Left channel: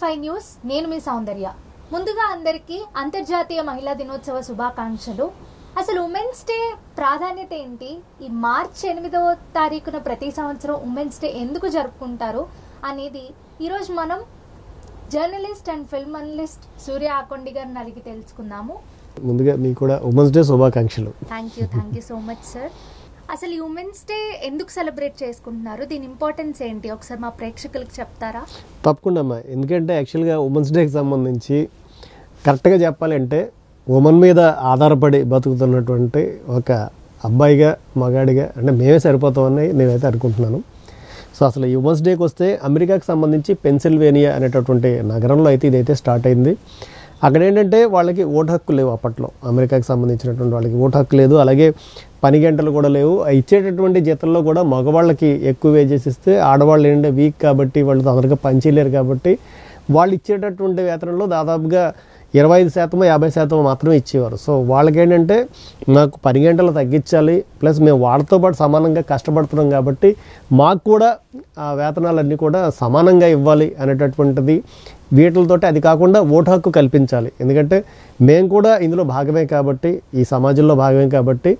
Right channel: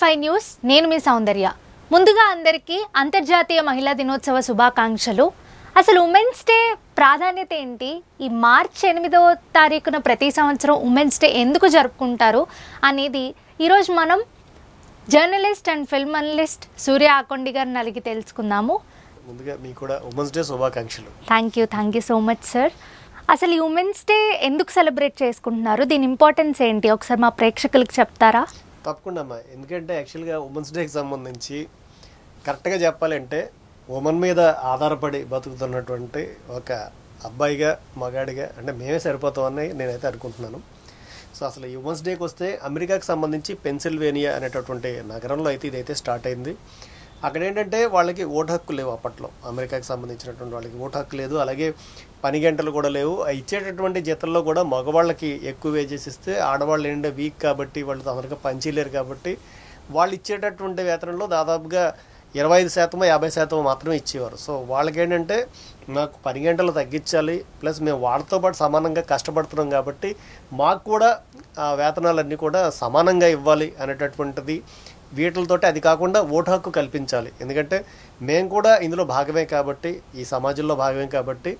TV5 news నేను మీ సౌందర్య. ముందుగా అందరికీ అంతర్జాతీయ మహిళా దినోత్సవ శుభాకాంక్షలు. అసలు ఉమెన్స్ డే ప్రాధాన్యత ఏంటి? ఈ మార్చి 8వ తారీఖున ప్రతి సంవత్సరం ఉమెన్స్ డే ఎందుకు జరుపుకుంటారు అనేది ఈరోజు మనం జర్నలిస్ట్ అండ్ ఫిల్మ్ అనలిస్ట్ సూర్య ఆకొండి గారిని అడిగి తెలుసుకుందాము. ముందుగా మీకు కూడా ఉమెన్స్ డే శుభాకాంక్షలు. Thank you so much sir. అసలు ఈ ఉమెన్స్ డే ఎందుకు సెలబ్రేట్ చేసుకుంటున్నారు? దీని ఇంపార్టెన్స్ ఏంటి ఒకసారి మా ప్రేక్షకులకు చెప్తారా? తప్పకుండా అమ్మా. ఎందుకంటే యాక్చువల్గా ఉమెన్స్ డేకి సంబంధించి కరెక్ట్గా చెప్పాలంటే ఉమెన్ మీద ఆధారపడి బతుకుతున్నటువంటి ఒక అబ్బాయిగా మగాడిగా అంటే మేమే సరిపోతామని నేనైతే అనుకుంటున్నాను. సో అసలు ఈ ఉమెన్స్ డేకి వస్తే అమెరికాకి సంబంధించి పెన్సిల్వేనియా అనేటటువంటి నగరంలో అయితే ఇదైతే స్టార్ట్ అయింది. అక్కడ ఏంటంటే వాళ్ళకి ఓటు హక్కు లేవు. అప్పట్లో అమెరికాకి సంబంధించినటువంటి వాళ్ళకి ఓటు హక్కు లేదు, అలాగే పని గంటలు కూడా లేవు. ఇచ్చేటటువంటి జీతంలో కూడా మగవాళ్ళకి ఎక్కువ వేజెస్ ఇస్తే ఆడవాళ్ళు ఏంటంటే వీక్ కాబట్టి వాళ్ళు తొందరగా పనిచేయలేరు కాబట్టి వాళ్ళు ఇచ్చేటటువంటి వేతనంలో దాదాపుగా 25% 50% మాత్రమే ఇచ్చేవారు. సో వాళ్ళకి ఏంటంటే మాకు పని గంటలు తగ్గించాలి, ప్లస్ మేము వాళ్ళతో పాటు సమానంగా కష్టపడుతున్నాం కాబట్టి మాకు కూడా ఆ వేతనాలన్నీ కూడా సమానంగా ఇవ్వాలి అనేటటువంటిది. వీటితోటి అది కాకుండా ఓటు హక్కు కల్పించాలి, ఎందుకంటే మేము కూడా ఇందులో భాగమే కాబట్టి, ఈ సమాజంలో భాగమే కాబట్టి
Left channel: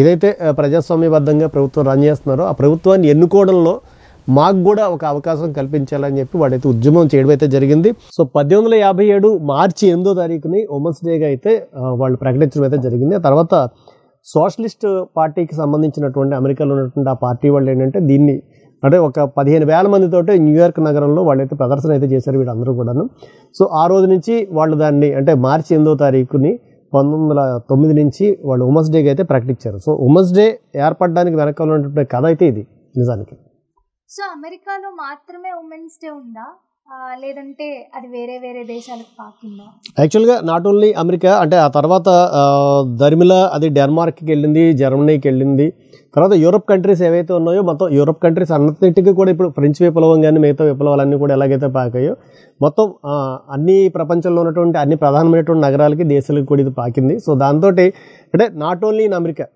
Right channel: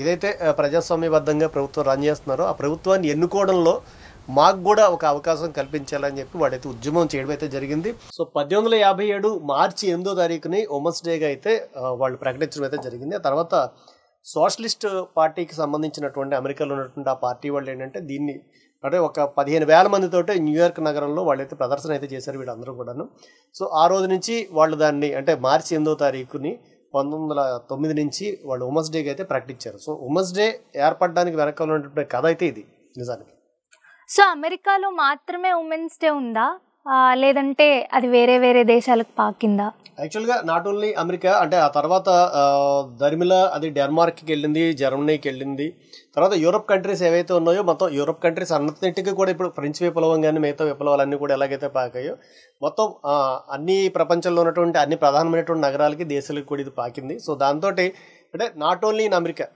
ఏదైతే ప్రజాస్వామ్యబద్ధంగా ప్రభుత్వం రన్ చేస్తున్నారో ఆ ప్రభుత్వాన్ని ఎన్నుకోవడంలో మాకు కూడా ఒక అవకాశం కల్పించాలని చెప్పి వాడైతే ఉద్యమం చేయడం అయితే జరిగింది. సో 1857 మార్చి 8వ తారీఖుని ఉమెన్స్ డేగా అయితే వాళ్ళు ప్రకటించడం అయితే జరిగింది. ఆ తర్వాత సోషలిస్ట్ పార్టీకి సంబంధించినటువంటి అమెరికాలో ఉన్నటువంటి ఆ పార్టీ వాళ్ళు ఏంటంటే దీన్ని అంటే ఒక 15,000 మందితోటే న్యూయార్క్ నగరంలో వాళ్ళైతే ప్రదర్శన అయితే చేశారు వీళ్ళందరూ కూడాను. సో ఆ రోజు నుంచి వాళ్ళు దాన్ని అంటే మార్చి 8వ తారీఖుని 1909 నుంచి వాళ్ళు ఉమెన్స్ డేకి అయితే ప్రకటించారు. సో ఉమెన్స్ డే ఏర్పడడానికి వెనక ఉన్నటువంటి కథ అయితే ఇది నిజానికి. సో అమెరికాలో మాత్రమే ఉమెన్స్ డే ఉందా, లేదంటే అది వేరే వేరే దేశాలకు పాకిందా? యాక్చువల్గా నాట్ ఓన్లీ అమెరికా, అంటే ఆ తర్వాత దరిమిలా అది డెన్మార్క్కి వెళ్ళింది, జర్మనీకి వెళ్ళింది, తర్వాత యూరోప్ కంట్రీస్ ఏవైతే ఉన్నాయో మొత్తం యూరోప్ కంట్రీస్ అన్నింటికి కూడా ఇప్పుడు ఫ్రెంచ్ విప్లవం కానీ మిగతా విప్లవాలన్నీ కూడా ఎలాగైతే పాకాయో మొత్తం అన్ని ప్రపంచంలో ఉన్నటువంటి అన్ని ప్రధానమైనటువంటి నగరాలకి దేశాలకు కూడా ఇది పాకింది. సో దాంతో అంటే నాట్ ఓన్లీ ఇన్ అమెరికా,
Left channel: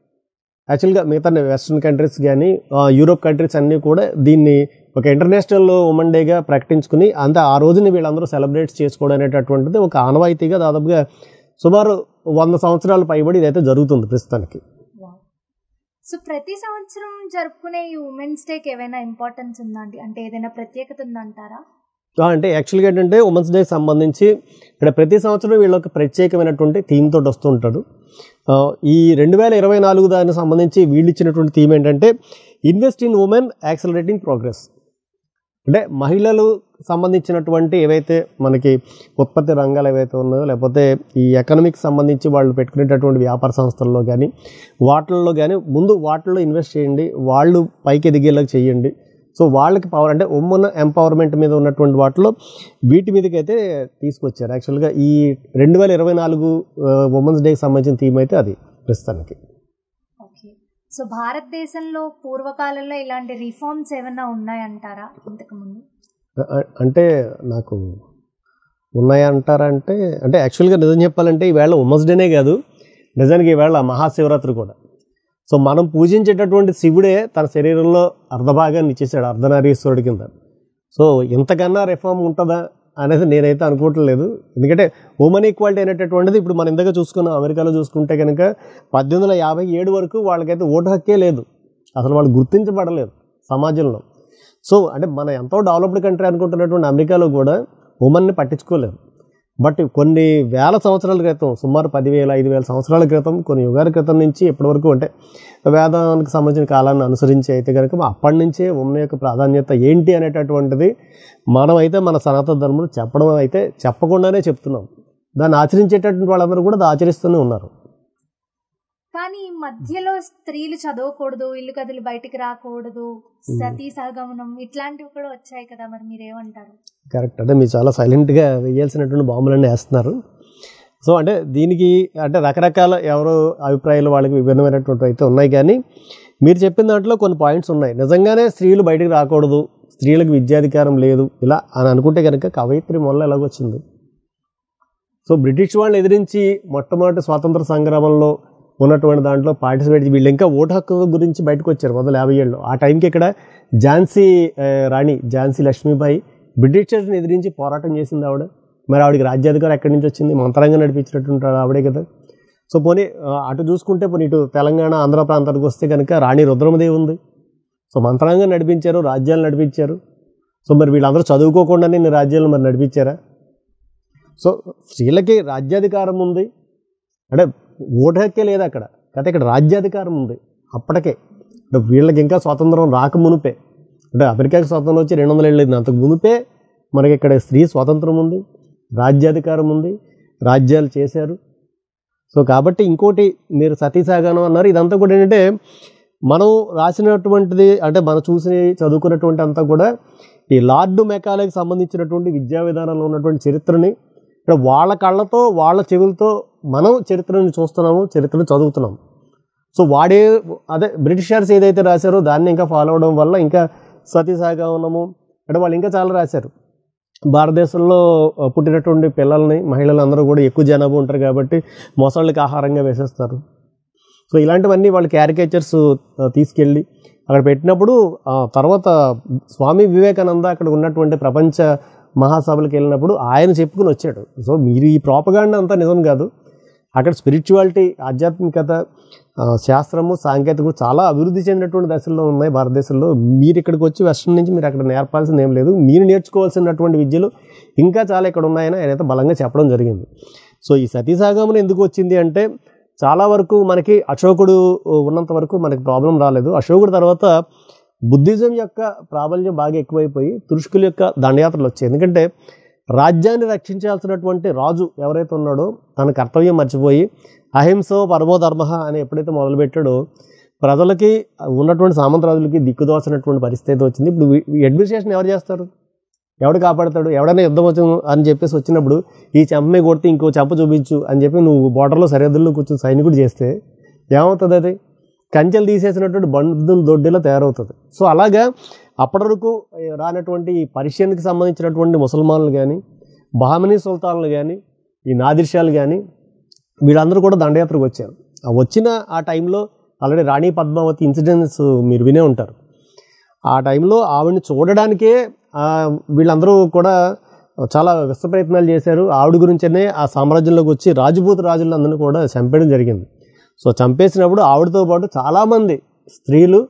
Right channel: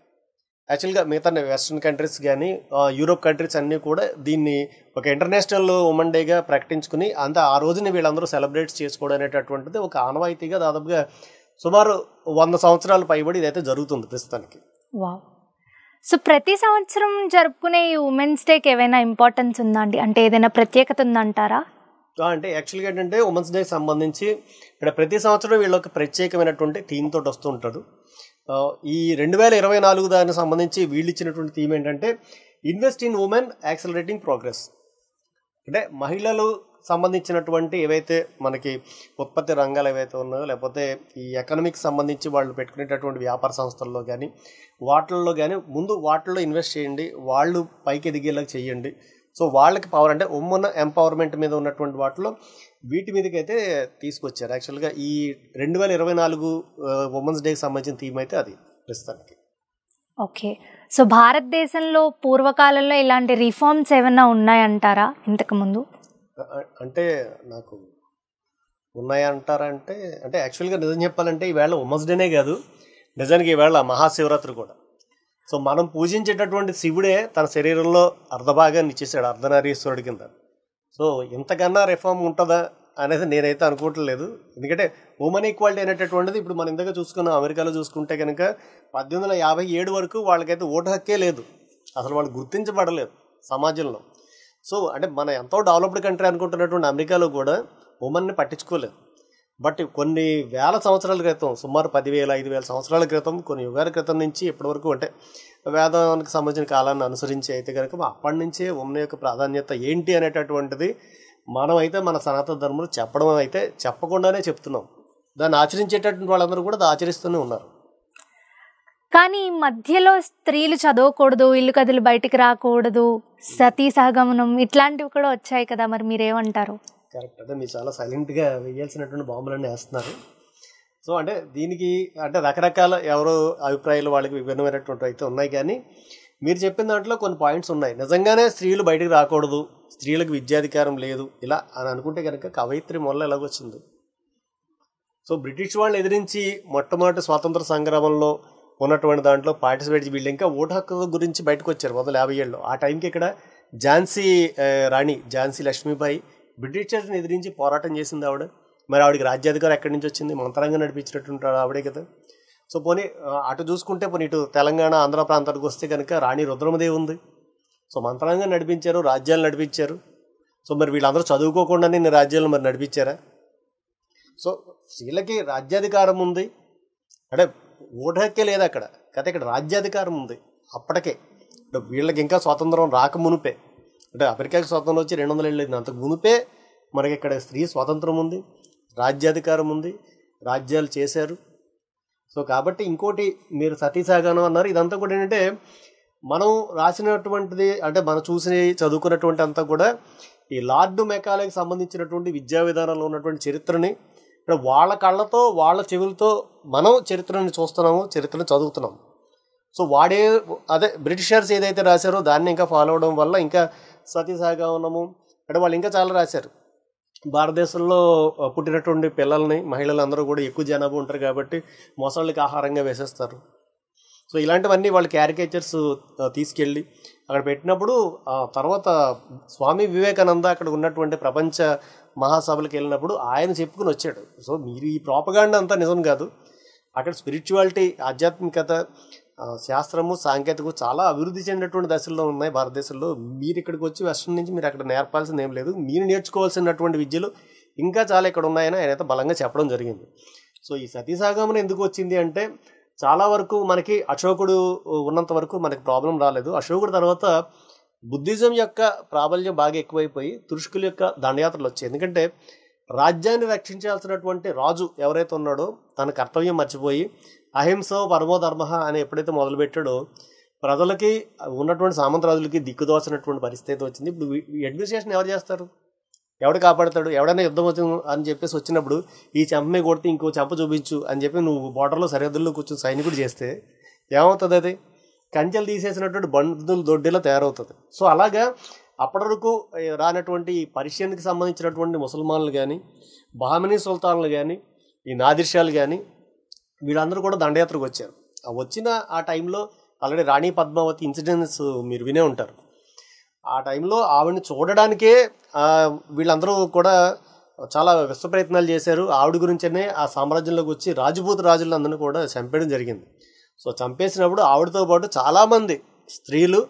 యాక్చువల్గా మిగతా వెస్ట్రన్ కంట్రీస్ కానీ యూరోప్ కంట్రీస్ అన్నీ కూడా దీన్ని ఒక ఇంటర్నేషనల్ ఉమెన్ డేగా ప్రకటించుకుని అంతా ఆ రోజుని వీళ్ళందరూ సెలబ్రేట్ చేసుకోవడం అనేటటువంటిది ఒక ఆనవాయితీగా దాదాపుగా సుమారు 100 సంవత్సరాల పైబడి ఇదైతే జరుగుతుంది ప్రస్తుతానికి. వావ్. సో ప్రతి సంవత్సరం జరుపుకునే ఈ ఉమెన్స్ డేకి ఏమైనా ఇంపార్టెన్స్ ఉందా అండి? అంటే ఏదైనా ప్రత్యేకత ఉందంటారా? అంటే యాక్చువల్గా ఏంటంటే ఉమెన్స్ డేకి సంబంధించి ఇక్కడ ప్రతి సంవత్సరం వీళ్ళొక ప్రత్యేకమైనటువంటి థీమ్ తోటి వస్తూ ఉంటాడు. ఈ 2024 దానికి సంబంధించి వీళ్ళు ఇచ్చినటువంటి థీమ్ ఏంటంటే invest in women accelerating progress. అంటే మహిళలు సంబంధించినటువంటి ఏవైతే మనకి ఉత్పత్తి రంగాలు ఏవైతే ఉన్నాయో లేకపోతే ఈ ఎకనామిక్స్ సంబంధించి వాళ్ళు పెట్టుకునేటటువంటి వ్యాపార సంస్థల్లో కానీ వాటిల్లో కానీ ముందు వాటిల్లో ఇన్వెస్ట్ చేయండి, వాళ్ళు పైకి ఎదిగేలాగా చేయండి. సో వాళ్ళకి పవర్ అంటే ఉమెన్ ఎంపవర్మెంట్ మీద ఉన్నటువంటి వాటిలో వీటి మీదకైతే తీసుకొచ్చారు. యాక్చువల్గా ఈ 2024 ఉమెన్స్ డేకి సంబంధించిన థీమ్ అయితే అది ప్రస్తుతానికి. ఓకే. సో భారతదేశంలో పూర్వకాలంలో ఇలాంటి రిఫార్మ్స్ ఏమైనా ఉన్నాయంటారా ఇంతకుముందు? అంటే నాకు ఉన్నాయంటారా అంటే యాక్చువల్గా నిజం చెప్పాలంటే ఈవేళ ఉమెన్స్ డేనే కాదు, నిజానికి ఈవేళ మహాశివరాత్రి కూడా. సో మనం పూజించేటటువంటి శివుడే తన శరీరంలో అర్ధభాగాన్ని ఇచ్చేసాడు అర్ధనారీశ్వరుడి కింద. సో ఇంతకన్నా రిఫార్మ్ ఉంటుందా అనేది నేనైతే అనుకోవట్లేదు. ఎందుకంటే ఉమెన్ ఈక్వాలిటీ అనేటటువంటిది ఇప్పుడు మనం ఇందాక చూసుకున్నాం, అమెరికాలో చూసుకుంటే కనుక 1857 వరకు వాళ్ళకైతే ఓటు హక్కే లేదు, అసలు వాళ్ళు గుర్తించబడలేదు సమాజంలో. సో అంటే మన ఎంతో డెవలప్డ్ కంట్రీ అనుకుంటున్నటువంటి అమెరికాలో కూడా ఉమెన్ని పట్టించుకోలేదు. బట్ కొన్ని వేల సంవత్సరాల క్రితం, సుమారు 10,000 5,000 సంవత్సరాల క్రితం, కొన్ని యుగాల క్రితం నుంచి ఇప్పటి వరకు అంటే వేదానికి సంబంధించిన కాలాన్ని అనుసరించి అయితే కనుక అప్పటి నుంచే ఉమెన్ యొక్క ప్రాధాన్యత ఏంటి అనేటటువంటిది మనం అయితే మన సనాతన ధర్మంలో చెప్పడం అయితే చెప్పకుండానే చెప్తున్నాం. దాన్ని ఆచరించేటటువంటి వాళ్ళందరూ కూడా అది ఆచరిస్తూనే ఉన్నారు. కానీ మధ్యలో స్త్రీలు చదవకూడదు, ఇల్లు కదిలి బయటికి రాకూడదు, సతీ సహగమనం ఇట్లాంటివి కూడా వచ్చాయి కదా, మరి మీరేమంటారు? కరెక్ట్. అంటే మీరు చాలా సైలెంట్గా వేయాల్సినటువంటి బాంబులన్నీ వేస్తున్నారు. సో అంటే దీనికి అంటే రకరకాల ఎవరో అభిప్రాయాలు వాళ్ళకి విభిన్నమైనటువంటి అయితే ఉన్నాయి, కానీ మీరు చెప్పిన దాంట్లో కొన్ని పాయింట్స్ ఉన్నాయి. నిజంగానే స్త్రీలు బయటికి రాకూడదు, స్త్రీలకు విద్యాధికారం లేదు ఇలా అని అనుకుంటే కనుక కవయిత్రి మొదలు ఎలాగొచ్చింది? సో బ్రిటిష్ వాళ్ళని ఎదిరించి మొట్టమొదటి స్వాతంత్ర సంగ్రామంలో ఉన్నటువంటి దాంట్లో పార్టిసిపేట్ వీళ్ళు ఇంకా ఓటు హక్కు గురించి బయటకు వచ్చారు 1957లో. ఆ టైంకి ఇక్కడ ఝాన్సీ రాణి ఝాన్సీ లక్ష్మీబాయి బ్రిటిషర్స్ని ఎదిరించి పోరాటం చేసింది ఆవిడ. మరి ఆవిడకి రాజ్యాధికారం ఎక్కడి నుంచి వచ్చింది? మంత్రంగా నడిపించినట్టుంటాడు ఆవిడే కదా. సో పోనీ అటు చూసుకుంటే పోనీ ఇటు తెలంగాణ ఆంధ్ర ప్రాంతానికి వస్తే కనుక రాణి రుద్రమదేవి ఉంది. సో మంత్రంగా నడిపించారు, రాజ్యాలు నడిపించారు. సో మరి వీళ్ళందరూ చదువుకోకుండానే నేను రాజ్యాలను మరి నడిపించారా? సో స్త్రీలకి రాజ్యాధికారం ఉంది అంటే ఓటు హక్కే లేదు అక్కడ, కాకపోతే ఇక్కడ రాజ్యాధికారం ఉంది అప్పటికే. అంటే వీళ్ళకి ఇంకా స్వాతంత్రం రాక మునిపే, అంటే అమెరికాకి స్వాతంత్రం వచ్చి 200 ఏళ్ళు అయింది, అంతకు మునిపే మనకి ఇక్కడ స్త్రీ స్వాతంత్రం ఉంది, రాజ్యాధికారం ఉంది, రాజ్యాలు చేశారు. సో కాబట్టి ఇంకోటి మీరు సతీసాగమనం అన్నారు, ఇదంతా కూడా ఏంటంటే మనం రాసినటువంటిది అంటే మనం చూసి చదువుకున్నటువంటి అంతా కూడా ఈ లార్డ్ మెకాలేకి సంబంధించినటువంటి విద్యా విధానంలో ఉన్నటువంటి చరిత్రని ఇక్కడ వాళ్ళ కళ్ళతో వాళ్ళ చెవులతో మనం చరిత్రని చూస్తున్నాము, చరిత్రను చదువుతున్నాము. సో అదే బ్రిటిషర్స్ ఏదైతే రాశారో దాన్ని ఇంకా ఫాలో అవడం వల్ల ఇంకా సతీసాగమనము అంటే వాళ్ళు ఇంకా చాలా రాశారు. భారతదేశంలో పుట్టినటువంటి పిల్లల్ని మహిళలందరూ కూడా ఎక్కువ జనాభా ఉంటారు కాబట్టి మొసళ్ళకి ఆహారంగా వేసేస్తారు. సో ఇలాంటివన్నీ వాళ్ళు క్యారికేచర్స్ తీసుకెళ్ళి అక్కడ పెట్టినప్పుడు తర్వాత స్వామి వివేకానంద అక్కడ ఉన్నటువంటి ప్రపంచ మహాసభలకు వెళ్ళినప్పుడు ఆయన చెప్పుకుని వచ్చాడు. సో మీరు ఈ ప్రోపగాండా అంతా నిజం కాదు, అక్కడ స్పిరిచువాలిటీ, ఆధ్యాత్మికత, శాస్త్రము, సాంకేతికత చాలా అభివృద్ధి చెందినటువంటి దశల్లో ఉన్నాయి భారతదేశంలో. మీరు ఇక్కడికి వచ్చి వెస్ట్రన్ నుంచి మీరు అక్కడ నేర్పాల్సింది ఏం లేదు, మీరు నేర్చుకోవాల్సినటువంటి విద్యలు ఇంకా చాలా ఇక్కడ ఉన్నాయని ఆయన అయితే బలంగా చెప్పడం జరిగింది. సో ఈ సతీసాగమనం ఎందుకు వచ్చింది అంటే చాలా వరకు మనకి అశోకుడు ఉన్నంత వరకు మనకి ప్రాబ్లం రాలేదు. అశోకుడు తర్వాత బుద్ధిజం యొక్క ప్రాబల్యం బాగా ఎక్కువైపోయి తురుష్కుల యొక్క దండయాత్రలు వచ్చాయి. ఎందుకంటే రాజ్యాన్ని రక్షించాల్సినటువంటి రాజు ఎవరైతే ఉన్నాడో తన కర్తవ్యం మర్చిపోయి అహింసో పరమో ధర్మ అని ఎప్పుడైతే మొదలుపెట్టాడో ప్రజలకి ఉన్నటువంటి సామంతరాజులకి దిక్కుదోచినటువంటి పరిస్థితి వచ్చింది. ఇప్పుడు అడ్మినిస్ట్రేషన్ ఎవరు చేస్తారు? ఎవడు కాపాడతాడు? ఎవడైనా యుద్ధం అవుతాం అని చెప్పేసి వచ్చినప్పుడు ఈ చెంపమే కొడితే ఇంకో చెంప చూపించు అని చెప్పి నువ్వు బోర్డర్లో సరిహద్దుల్లో కూర్చొని సైనికుడు చేస్తే ఏమవుతుంది? అది కంచెలు తీసేసినటువంటి బంధువులు దొడ్డిలో తయారవుతుంది. సో అలాగా అప్పటి వరకు రానటువంటి ఈ పర్షియన్కి సంబంధించినటువంటి ముసల్మాన్లు కానీ, బహమనీ సుల్తాన్లు కానీ, ఈ నాదిర్షాలు కానీ వీళ్ళందరూ కూడా దండయాత్రకు వచ్చారు. వచ్చిన ఆ టైంలో ఆల్రెడీ రాణి పద్మావతి ఇన్సిడెంట్స్ మీరు వినే ఉంటారు. ఆ టైంలో ఆవిడని చూడడానికే వీళ్ళందరూ కూడా చాలా విశ్వ ప్రయత్నాలు చేశారు. ఆవిడ గురించనే ఆ సామ్రాజ్యంలోకి వచ్చి రాజభూత రాజులందరినీ కూడా చంపేయడం జరిగింది. సో చంపేసినప్పుడు ఆవిడతో పాటు చాలామంది స్త్రీలు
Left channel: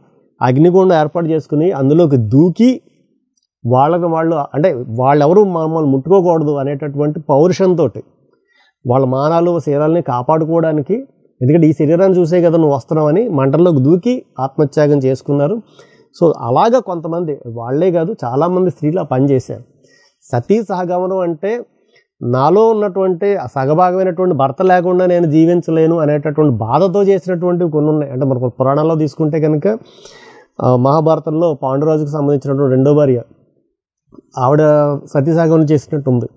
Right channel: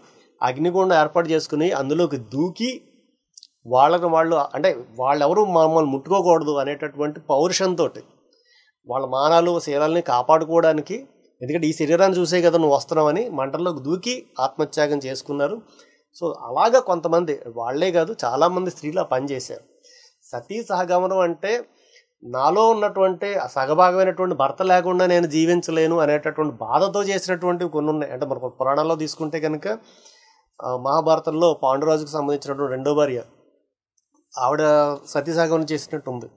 అగ్నిగుండం ఏర్పాటు చేసుకుని అందులోకి దూకి వాళ్ళని వాళ్ళు అంటే వాళ్ళెవరూ మమ్మల్ని ముట్టుకోకూడదు అనేటటువంటి పౌరుషంతో వాళ్ళ మానాలు శరీరాలని కాపాడుకోవడానికి, ఎందుకంటే ఈ శరీరాన్ని చూసే కదా నువ్వు వస్తున్నావని మంటల్లోకి దూకి ఆత్మత్యాగం చేసుకున్నారు. సో అలాగా కొంతమంది, వాళ్లే కాదు చాలామంది స్త్రీలు ఆ పని చేశారు. సతీ సహగమనం అంటే నాలో ఉన్నటువంటి సగభాగమైనటువంటి భర్త లేకుండా నేను జీవించలేను అనేటటువంటి బాధతో చేసినటువంటివి కొన్ని ఉన్నాయి. అంటే మనకు పురాణాల్లో తీసుకుంటే కనుక మహాభారతంలో పాండురాజుకు సంబంధించినటువంటి రెండో భార్య ఆవిడ సతీ సహగమనం చేసినట్టు ఉంది.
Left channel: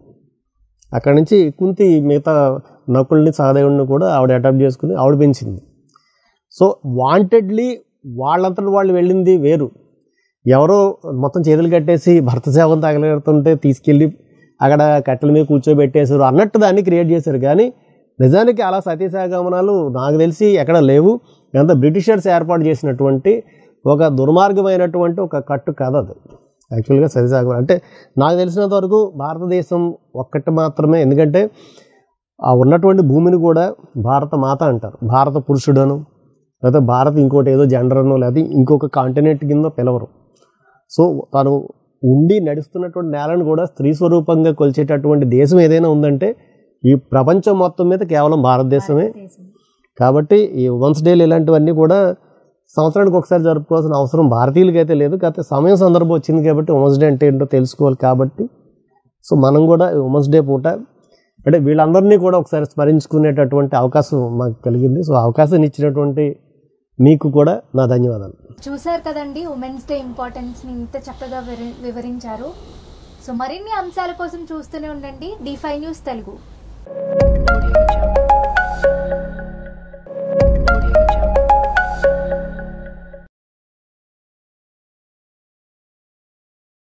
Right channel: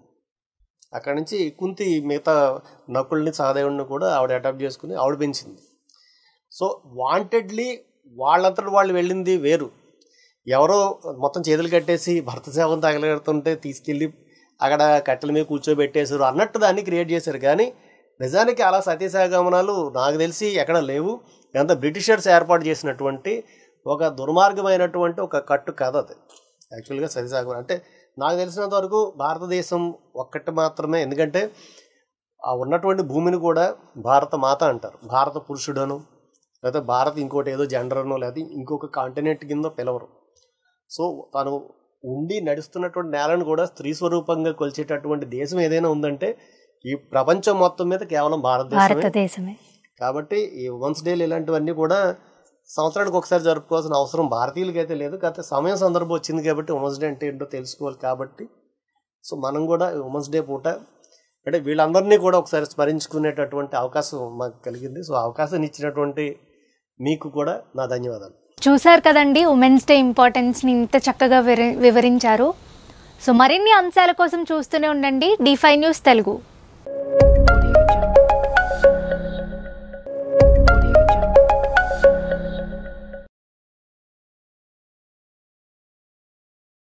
అక్కడి నుంచి కుంతి మిగతా నకుల్ని సహదేవుడిని కూడా ఆవిడ అడాప్ట్ చేసుకుని ఆవిడ పెంచింది. సో వాంటెడ్లీ వాళ్ళంతటి వాళ్ళు వెళ్ళింది వేరు. ఎవరో మొత్తం చేతులు కట్టేసి భర్త సేవను తగలెడుతుంటే తీసుకెళ్ళి అక్కడ కట్టెల మీద కూర్చోబెట్టేశారు అన్నట్టు దాన్ని క్రియేట్ చేశారు. కానీ నిజానికి అలా సతీసాగమనాలు నాకు తెలిసి ఎక్కడ లేవు. ఎంత బ్రిటిషర్స్ ఏర్పాటు చేసినటువంటి ఒక దుర్మార్గమైనటువంటి ఒక కట్టు కథ అది యాక్చువల్గా సతీసాగమనం అంటే. నాకు తెలిసినంత వరకు భారతదేశం ఒక్కటి మాత్రమే, ఎందుకంటే ఆ ఉన్నటువంటి భూమిని కూడా భారత మాత అంటారు, భారత పురుషుడను, లేకపోతే భారత్ ఇంకోటి ఏదో జెండర్ను లేకపోతే ఇంకొక కాంటినెంట్ కింద పిలవరు. సో తను ఉండి నడుస్తున్నటువంటి నేలను కూడా స్త్రీ స్వరూపంగా కొలిచేటటువంటి దేశం ఏదైనా ఉందంటే ఈ ప్రపంచం మొత్తం మీద కేవలం భారతదేశమే. కాబట్టి ఈ ఉమెన్స్ డేలు ఇలాంటివన్నీ కూడా సంవత్సరానికి ఒకసారి జరుపుకోవాల్సిన అవసరం భారతీయులకి అయితే లేదు. కాకపోతే సమయం సందర్భం వచ్చింది కాబట్టి ఉమెన్స్ డే అంటే ఏంటో తెలుసుకోవాలి కాబట్టి సో మనం కూడా ఉమెన్స్ డే పూట అంటే వీళ్ళందరినీ కూడా ఒకసారి స్మరించుకునేటటువంటి అవకాశం మాకు కలిగింది. సో అవకాశాన్ని ఇచ్చినటువంటి మీకు కూడా నా ధన్యవాదాలు. చూశారు కదండి, ఉమెన్స్ డే ఇంపార్టెన్స్ని ఇంత చక్కగా వివరించారు. సో మరిన్ని అంశాల కోసం చూస్తూనే ఉండండి D5 News తెలుగు.